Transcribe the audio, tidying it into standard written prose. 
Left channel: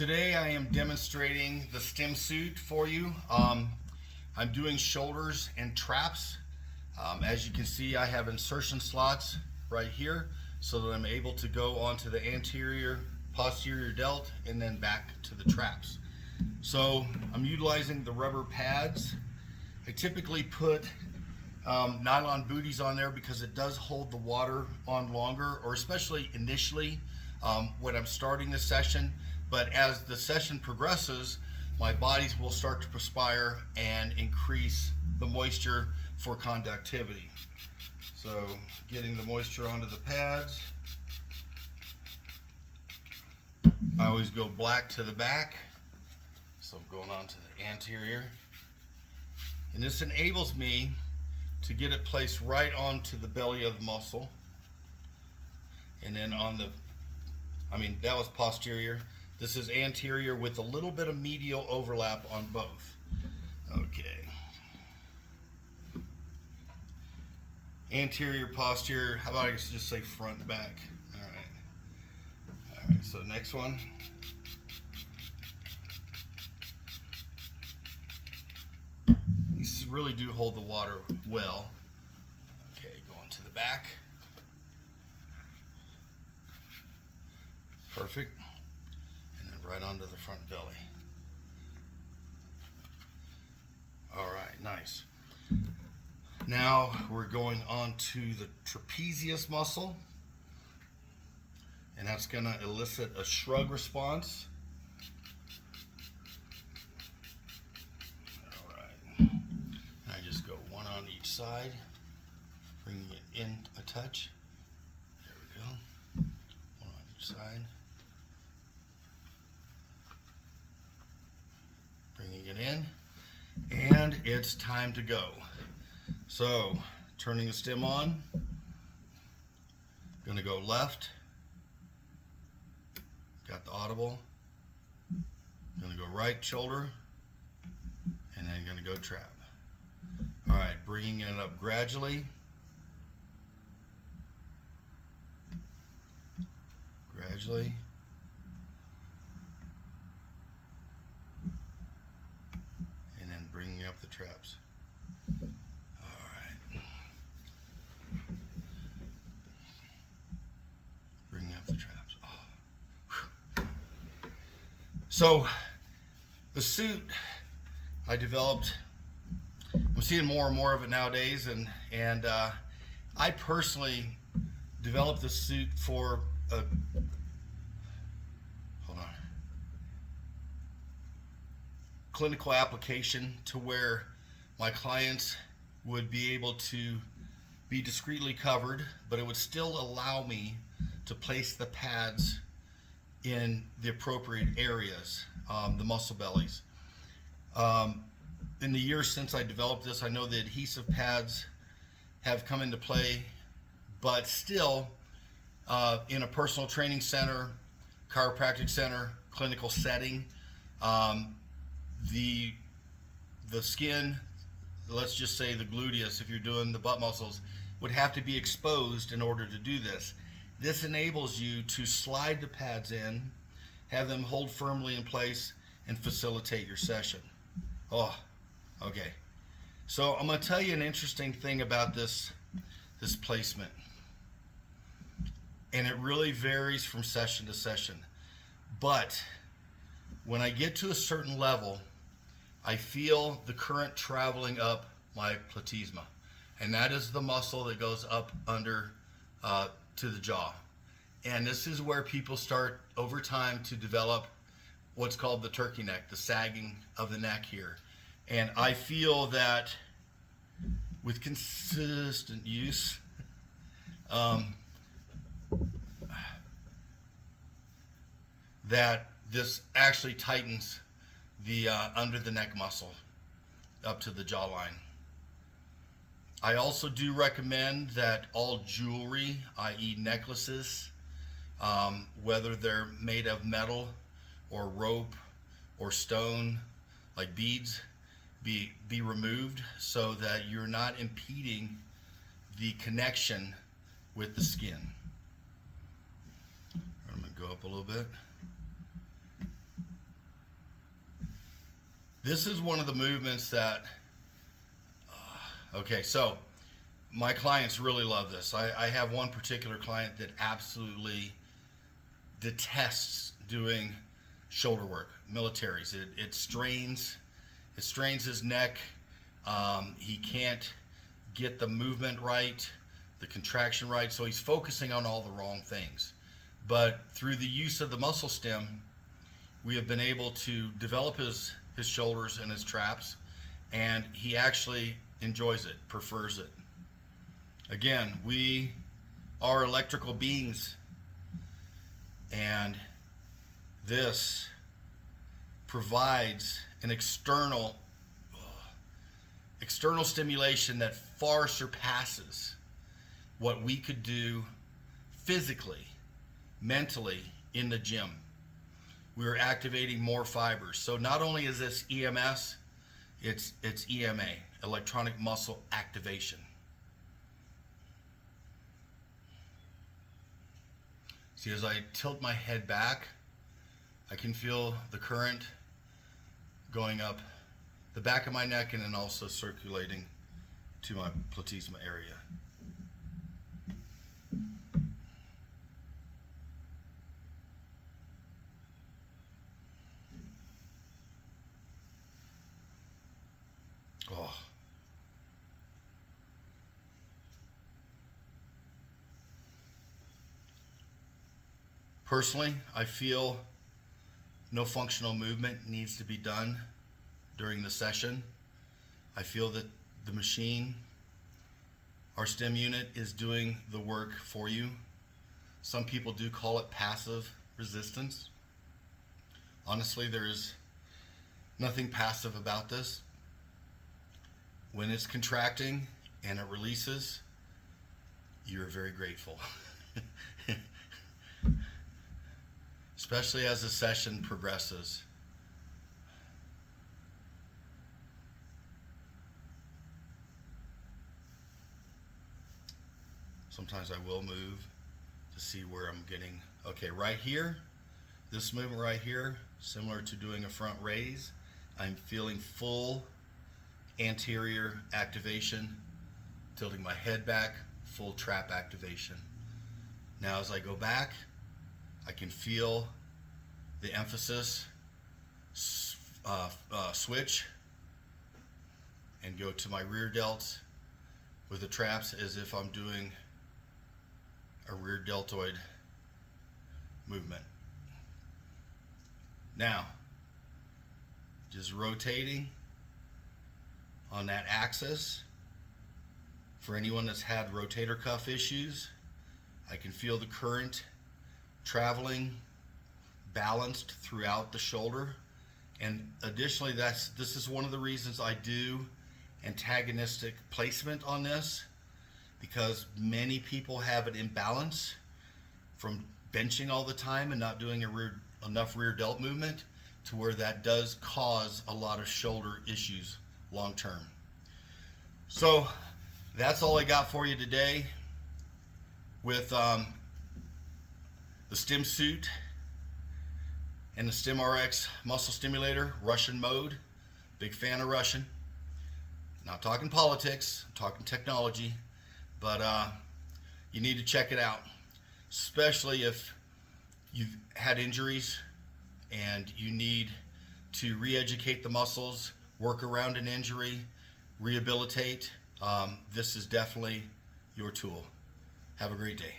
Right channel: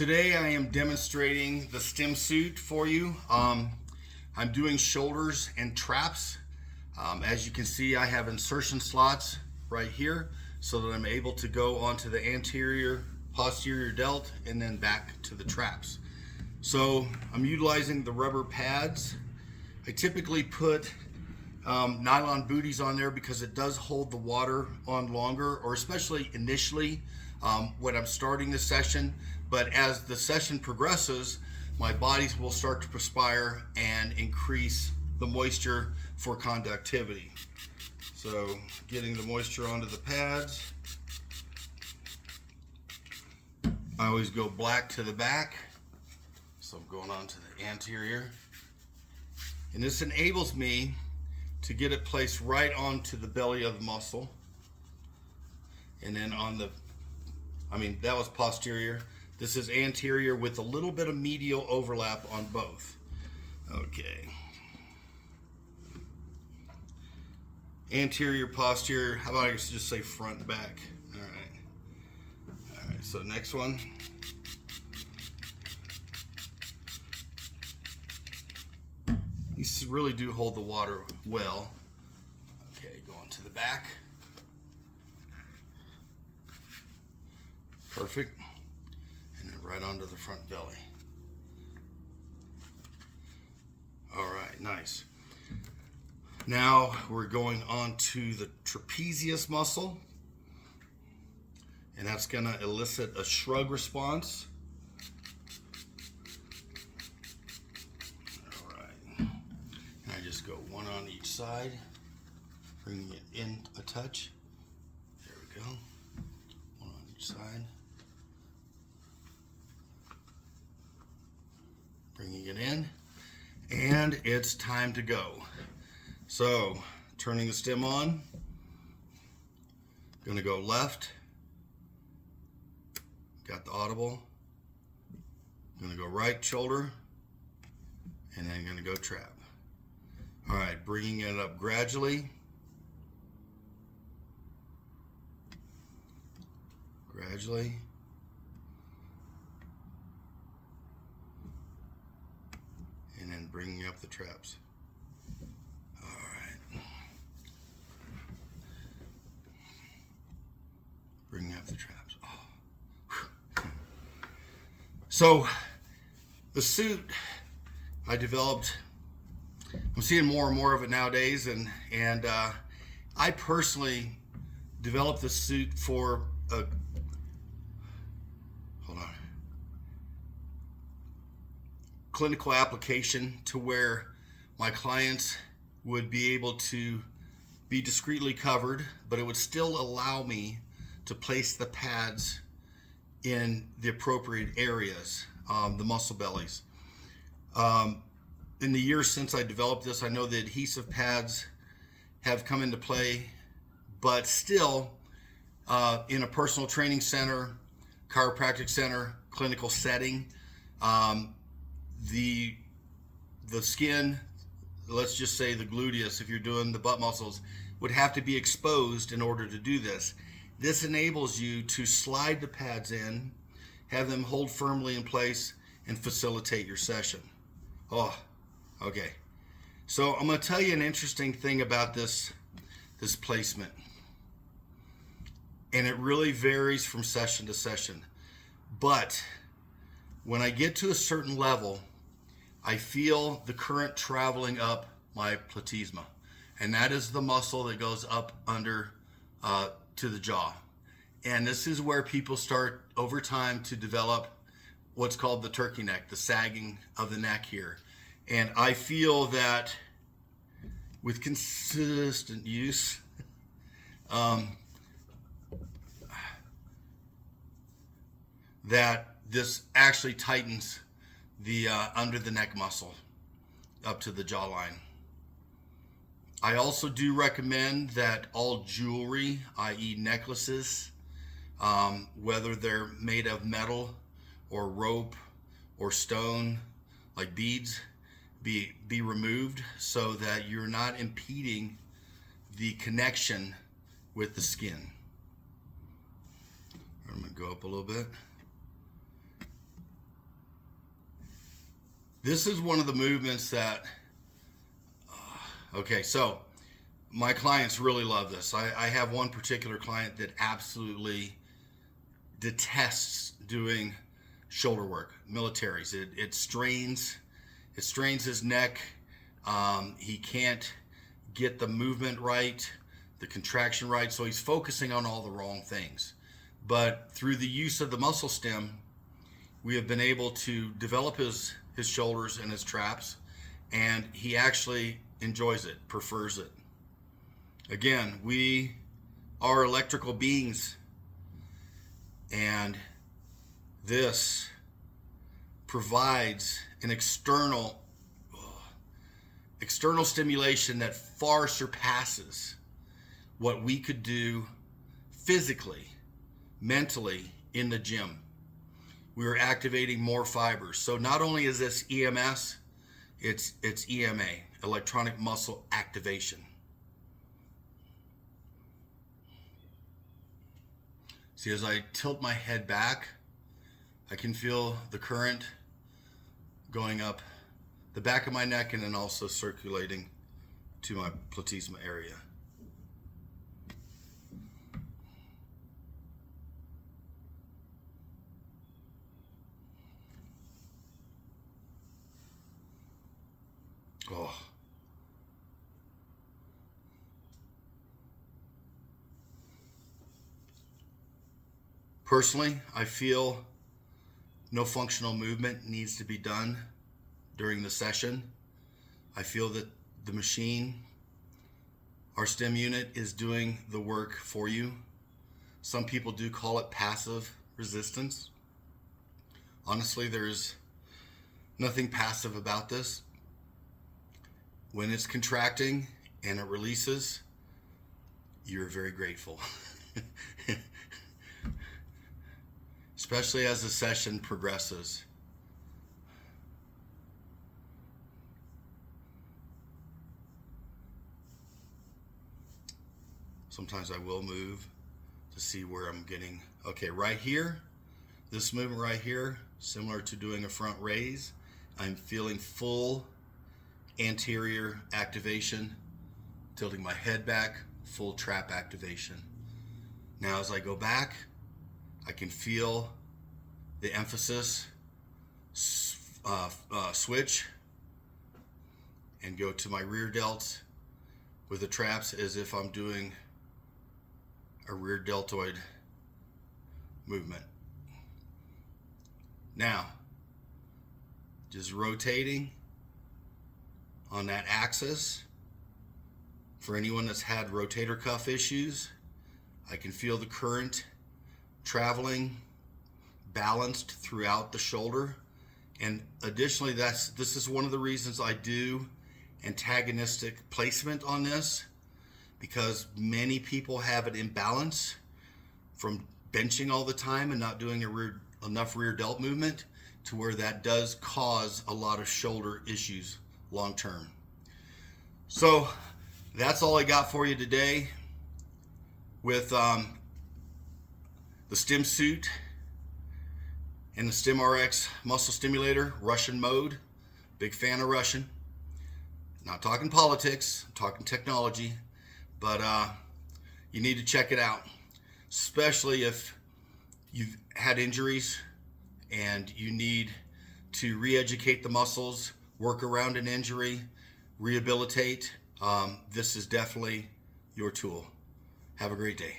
Today I am demonstrating the Stim-Suit for you. I'm doing shoulders and traps. As you can see, I have insertion slots right here so that I'm able to go onto the anterior, posterior delt and then back to the traps. So I'm utilizing the rubber pads. I typically put nylon booties on there because it does hold the water on longer, or especially initially when I'm starting the session. But as the session progresses, my bodies will start to perspire and increase the moisture for conductivity. So getting the moisture onto the pads. I always go black to the back. So I'm going on to the anterior. And this enables me to get it placed right onto the belly of the muscle. And then on the, that was posterior. This is anterior with a little bit of medial overlap on both. Okay. Anterior, posterior, how about I just say front and back? All right. All right, so next one. These really do hold the water well. Okay, going to the back. Perfect. And then right onto the front belly. All right, nice. Now we're going on to the trapezius muscle. And that's going to elicit a shrug response. One on each side, bringing it in a touch. There we go. One on each side. Bringing it in. And it's time to go. So, turning the stim on. Going to go left. Got the audible. Going to go right shoulder. And then going to go trap. All right, bringing it up gradually. Gradually. And then bringing up the traps. All right. Bringing up the traps. Oh. So, the suit I developed, I'm seeing more and more of it nowadays, and I personally developed this suit for a clinical application to where my clients would be able to be discreetly covered, but it would still allow me to place the pads in the appropriate areas, the muscle bellies. In the years since I developed this, I know the adhesive pads have come into play, but still in a personal training center, chiropractic center, clinical setting, the skin, let's just say the gluteus, if you're doing the butt muscles, would have to be exposed in order to do this. This enables you to slide the pads in, have them hold firmly in place, and facilitate your session. Oh. Okay, so I'm going to tell you an interesting thing about this placement, and it really varies from session to session. But when I get to a certain level, I feel the current traveling up my platysma, and that is the muscle that goes up under to the jaw. And this is where people start over time to develop what's called the turkey neck, the sagging of the neck here. And I feel that with consistent use, that this actually tightens the under the neck muscle up to the jawline. I also do recommend that all jewelry, i.e. necklaces, whether they're made of metal or rope or stone, like beads, be removed so that you're not impeding the connection with the skin. I'm going to go up a little bit. This is one of the movements that, okay, so my clients really love this. I have one particular client that absolutely detests doing shoulder work, militaries. It strains his neck. He can't get the movement right, the contraction right, so he's focusing on all the wrong things. But through the use of the muscle stim, we have been able to develop his shoulders and his traps, and he actually enjoys it, prefers it. Again, we are electrical beings, and this provides an external stimulation that far surpasses what we could do physically, mentally in the gym. We are activating more fibers. So not only is this EMS, it's EMA, electronic muscle activation. See, as I tilt my head back, I can feel the current going up the back of my neck and then also circulating to my platysma area. Oh. Personally, I feel no functional movement needs to be done during the session. I feel that the machine, our stim unit, is doing the work for you. Some people do call it passive resistance. Honestly, there's nothing passive about this. When it's contracting and it releases, you're very grateful. Especially as the session progresses. Sometimes I will move to see where I'm getting. Okay, right here, this movement right here, similar to doing a front raise, I'm feeling full anterior activation, tilting my head back, full trap activation. Now as I go back, I can feel the emphasis switch and go to my rear delts with the traps as if I'm doing a rear deltoid movement. Now, just rotating on that axis. For anyone that's had rotator cuff issues, I can feel the current traveling balanced throughout the shoulder. And additionally, this is one of the reasons I do antagonistic placement on this, because many people have an imbalance from benching all the time and not doing enough rear delt movement, to where that does cause a lot of shoulder issues long term. So that's all I got for you today with the Stim-Suit and the Stim-RX muscle stimulator, Russian mode. Big fan of Russian. Not talking politics, I'm talking technology, but you need to check it out, especially if you've had injuries and you need to re-educate the muscles, work around an injury, rehabilitate. This is definitely your tool. Have a great day.